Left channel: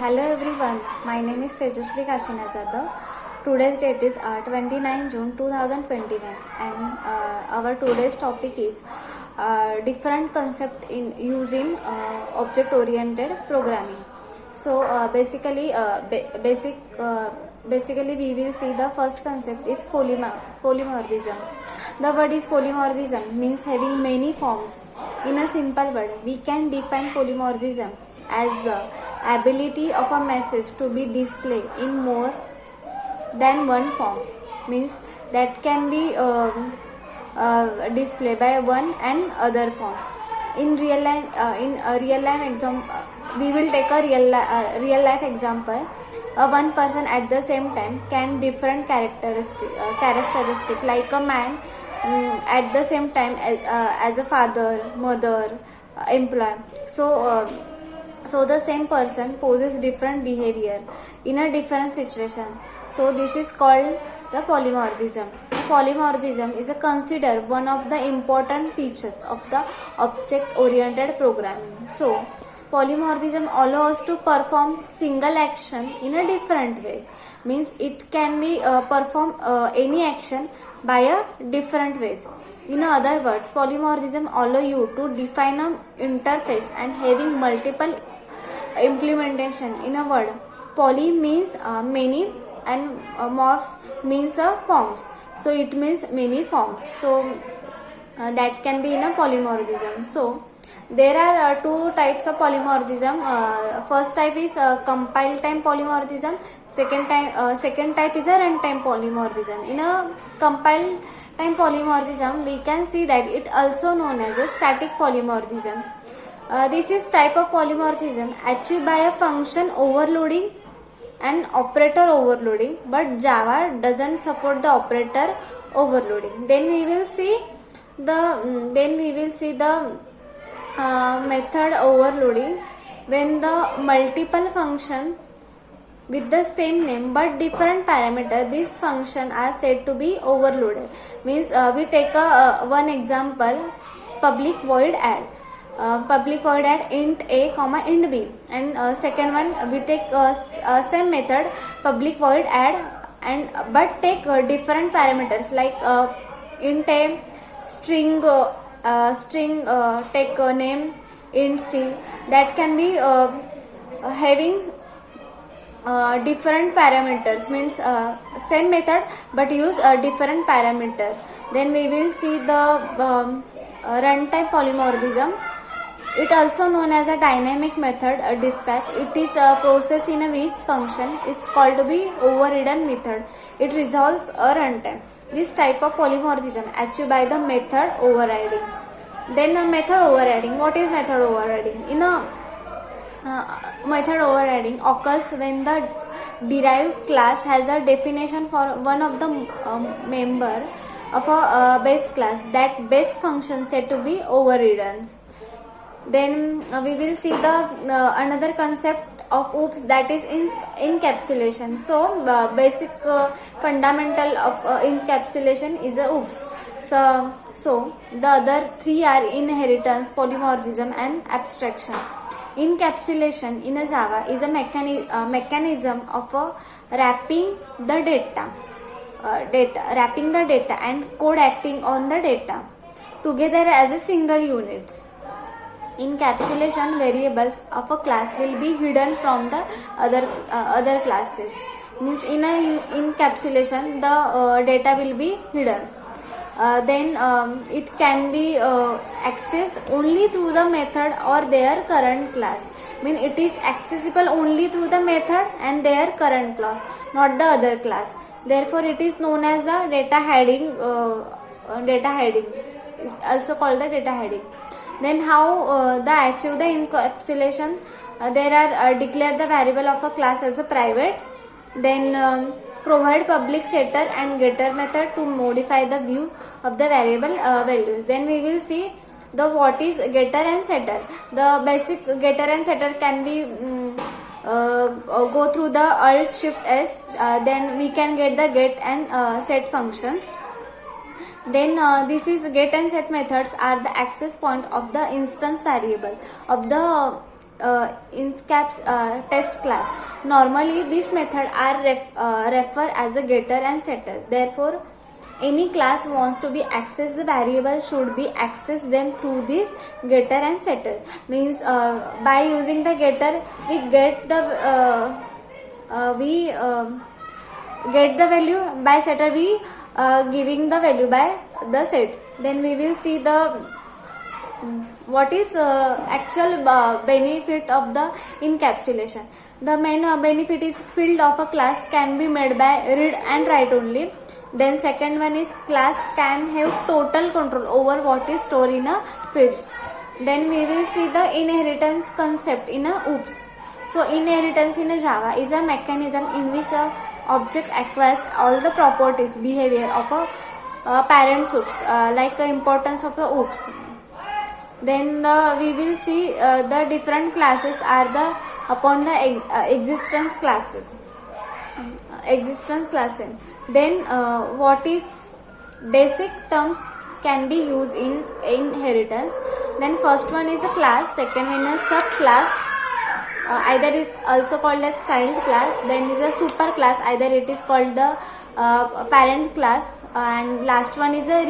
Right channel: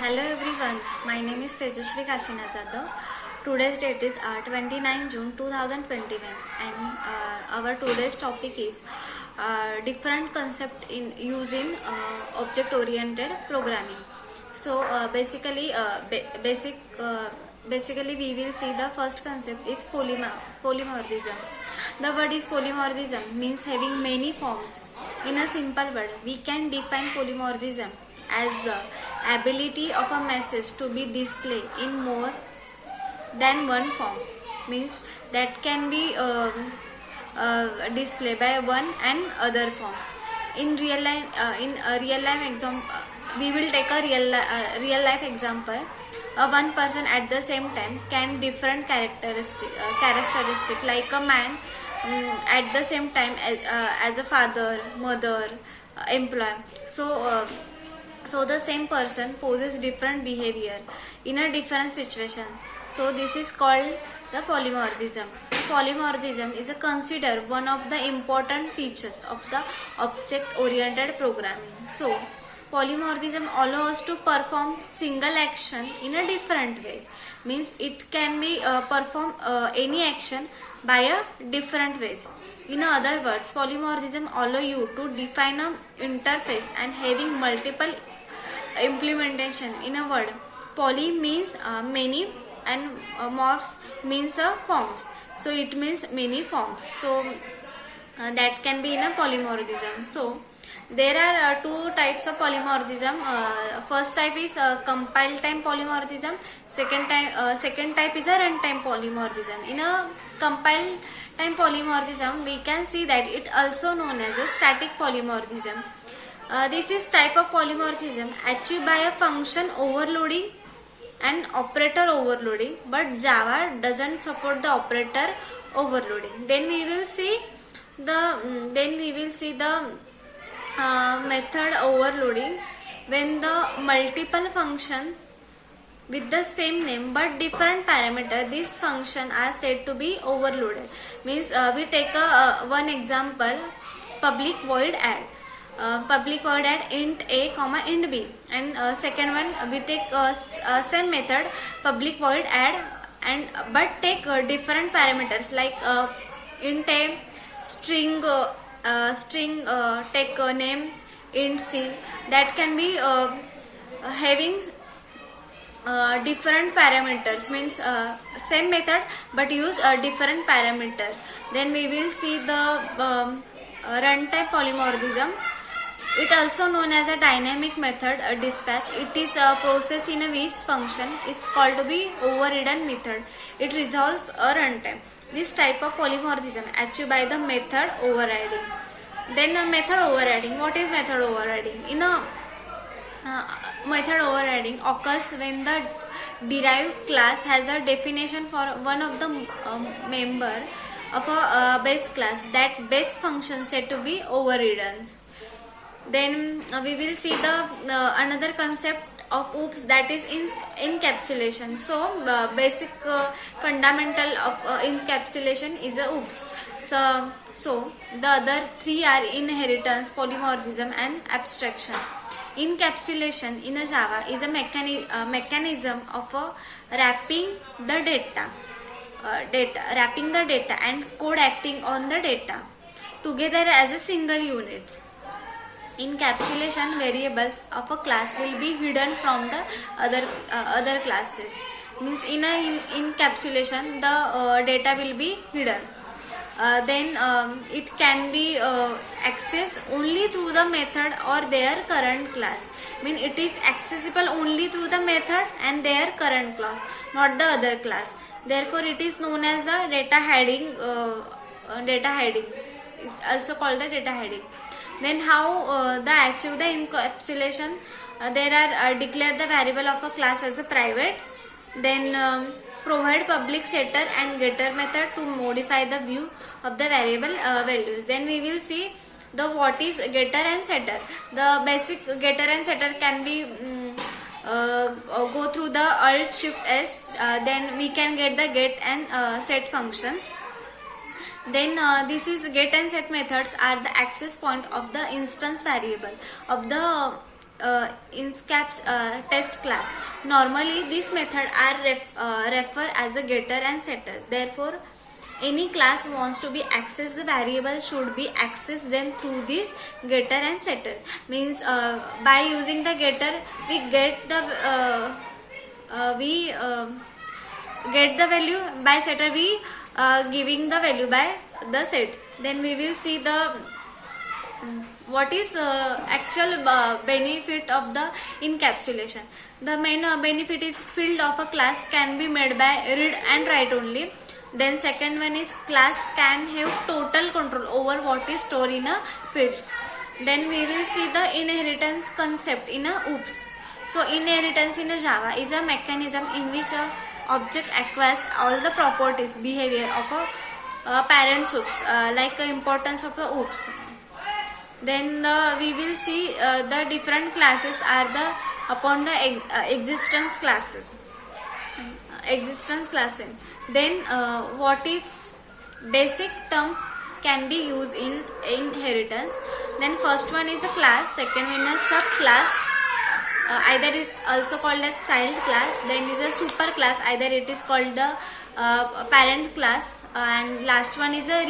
Hello everyone, my name is Tejashri Kashinath Jadhav. Today's date is 29 June 2021 and our today's topic is different concept in using object oriented programming. So basically we will see the first concept is polymorphism. The word is polymorphism means having many forms. In a simple word, we can define polymorphism as the ability of a message to be displayed in more than one form, means that can be displayed by one and other form. In real life example, we will take a real life example. One person at the same time can different characteristic like a man at the same time as a father, mother, employee. So the same person poses different behavior in a different situation. So this is called the polymorphism. Polymorphism is considered one of the important features of the object-oriented programming. So polymorphism allows us to perform single action in a different way. Means it can be perform any action by a different ways. In other words, polymorphism allow you to define an interface and having multiple implementation. In a word, poly means many and morphs means forms. So it means many forms. So that can be in a polymorphism. So there are two types of polymorphism. First type is compile time polymorphism. Second type is a runtime polymorphism. In a compile time polymorphism, we can see that it also known as a static polymorphism. This is type of polymorphism achieved by a function overloading and operator overloading, but Java doesn't support the operator overloading. Then we will see the method overloading when the multiple function with the same name but different parameter, these function are said to be overloaded. Means we take one example, public void add. Public void add int a comma int b, and second one we take same method, public void add, and but take different parameters like int a, string take name int c. That can be having different parameters, means same method but use different parameter. Then we will see the runtime polymorphism. It also known as a dynamic method dispatch. It is a process in a which function is called to be overridden method. It resolves a runtime. This type of polymorphism achieved by the method overriding. Then method overriding. What is method overriding? In a method overriding occurs when the derived class has a definition for one of the member of a base class. That base function said to be overridden. Then we will see the another concept of OOPS, that is encapsulation. So basic fundamental of encapsulation is a OOPS. So the other three are inheritance, polymorphism and abstraction. Encapsulation in a Java is a mechanism of wrapping the data and code acting on the data together as a single unit. Encapsulation variables of a class will be hidden from the other classes. Means in a encapsulation the data will be hidden. Then it can be accessed only through the method or their current class. Mean it is accessible only through the method and their current class, not the other class. Therefore it is known as the data hiding. It's also called the data hiding. Then how the achieve the encapsulation? There are declare the variable of a class as a private. Then provide public setter and getter method to modify the view of the variable values. Then we will see the what is getter and setter. The basic getter and setter can be go through the Alt Shift S. Then we can get the get and set functions. Then this is get and set methods are the access point of the instance variable of the inscaps test class. Normally, this method are refer as a getter and setter. Therefore, any class wants to be accessed, the variable should be accessed them through this getter and setter. Means by using the getter, we get the get the value. By setter, we giving the value by the set. Then we will see the what is actual benefit of the encapsulation. The main benefit is field of a class can be made by read and write only. Then second one is class can have total control over what is stored in a fields. Then we will see the inheritance concept in a OOPS. So inheritance in a Java is a mechanism in which a object acquires all the properties, behavior of a parent OOPS, like the importance of a OOPS. Then we will see the different classes are the upon the existence classes. Existence classes. Then what is basic terms can be used in inheritance. Then first one is a class, second one is subclass, either is also called as child class. Then is a super class, either it is called the parent class, and last one is a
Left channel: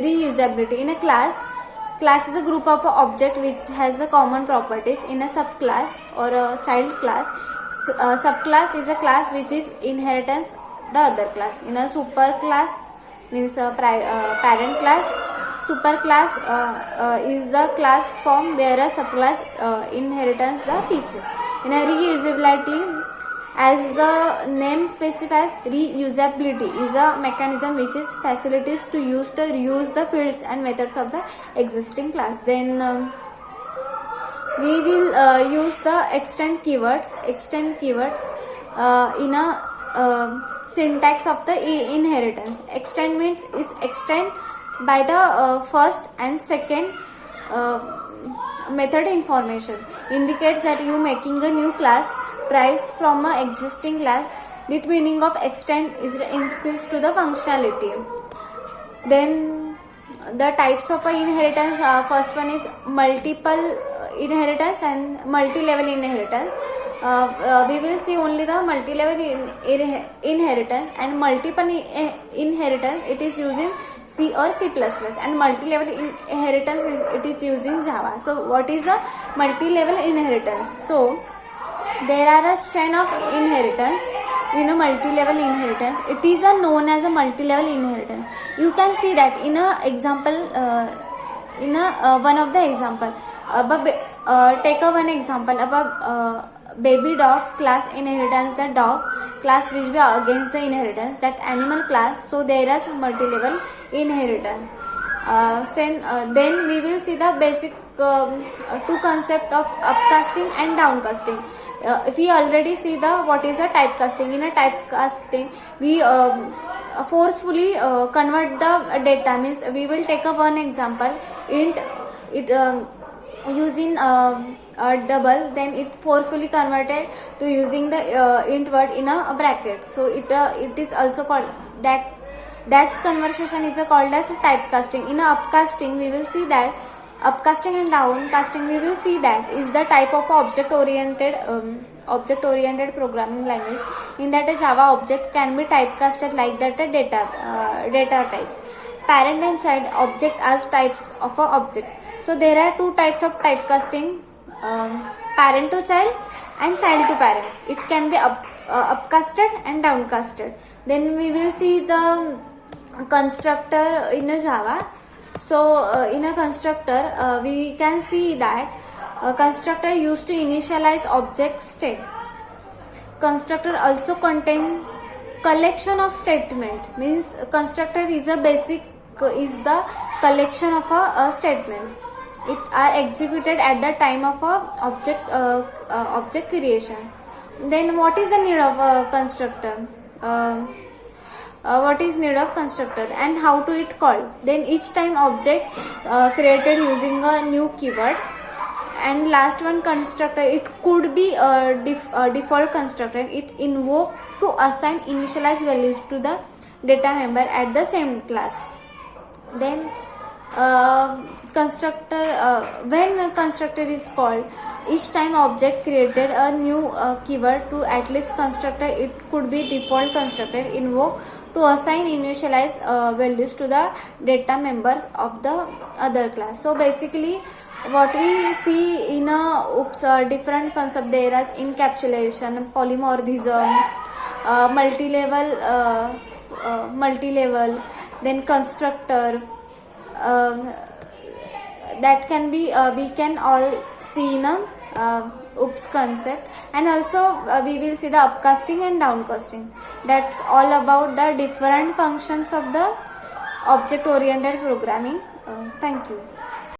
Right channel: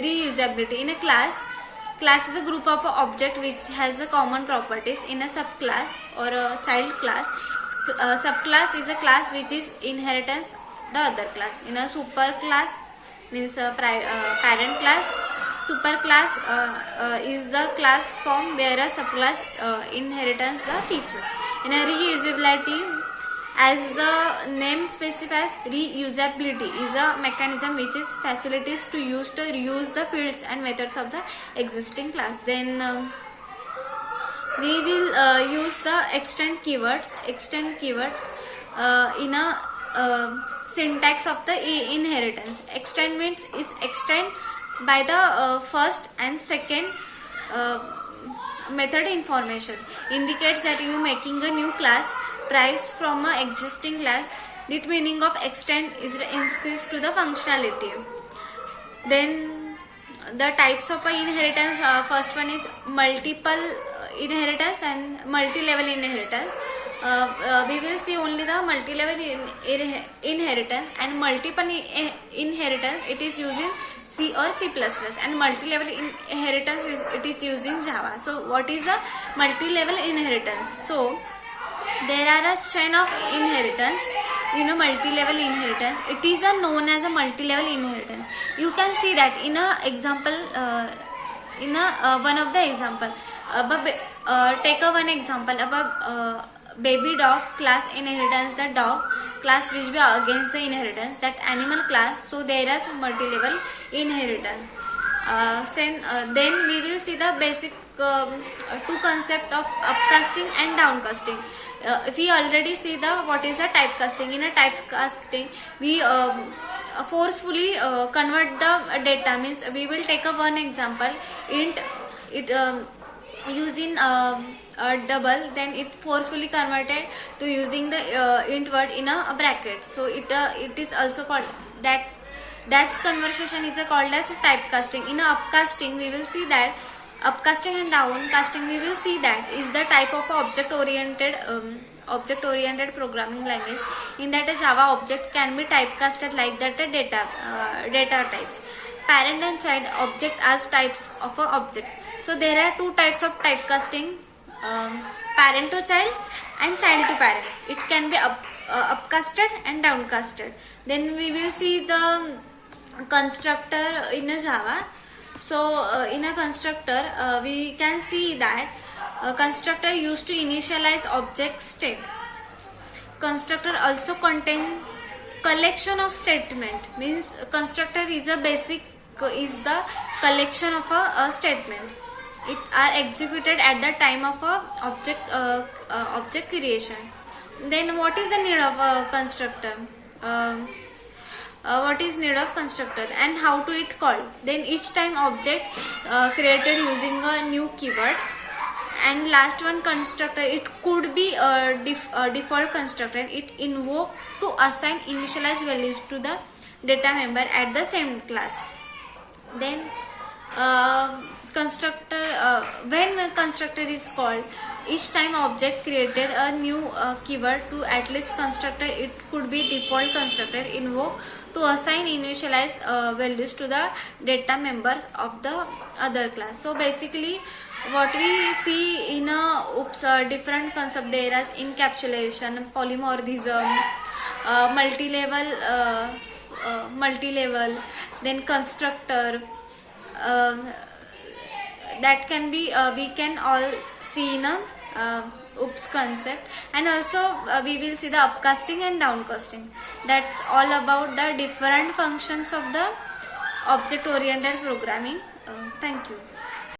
reusability. In a class is a group of object which has a common properties. In a subclass or a child class, subclass is a class which is inheritance the other class. In a super class means parent class. Super class is the class form where a subclass inherits the features. In a reusability, as the name specifies, reusability is a mechanism which is facilities to reuse the fields and methods of the existing class. Then we will use the extend keywords. Extend keywords in a syntax of the inheritance. Extend means is extend by the first and second method information. Indicates that you making a new class derives from a existing class. The meaning of extend is increase to the functionality. Then the types of inheritance, first one is multiple inheritance and multi-level inheritance. We will see only the multi-level inheritance, and multiple inheritance it is using C or C++, and multi-level inheritance it is using Java. So what is a multi-level inheritance? So there are a chain of inheritance in a multi-level inheritance. It is known as a multi-level inheritance. You can see that in a example, in a one of the example. Take a one example about baby dog class inheritance the dog class which be against the inheritance that animal class. So there is multi-level inheritance. Then we will see the basic two concept of upcasting and downcasting. If we already see the what is a typecasting. In a typecasting we forcefully convert the data. Means we will take a one example int it using double, then it forcefully converted to using the int word in a bracket. So it is also called that's conversation is called as a typecasting. In a upcasting we will see that upcasting and downcasting we will see that is the type of object oriented programming language. In that a Java object can be typecasted like that a data types. Parent and child object as types of a object. So there are two types of typecasting, parent to child and child to parent. It can be upcasted and downcasted. Then we will see the constructor in a Java. So in a constructor we can see that constructor used to initialize object state. Constructor also contain collection of statement. Means constructor is a basic is the collection of a statement. It are executed at the time of a object creation. Then what is the need of a constructor? What is need of constructor and how to it called? Then each time object created using a new keyword. And last one constructor, it could be a default constructor. It invoke to assign initialize values to the data member at the same class. Then constructor when a constructor is called, Each time object created a new keyword to at least constructor, it could be default constructor invoked to assign initialize values to the data members of the other class. So basically what we see in a different concept there is encapsulation, polymorphism, multi-level, then constructor, uh, that can be we can all see in a oops concept. And also we will see the upcasting and downcasting. That's all about the different functions of the object oriented programming. Thank you.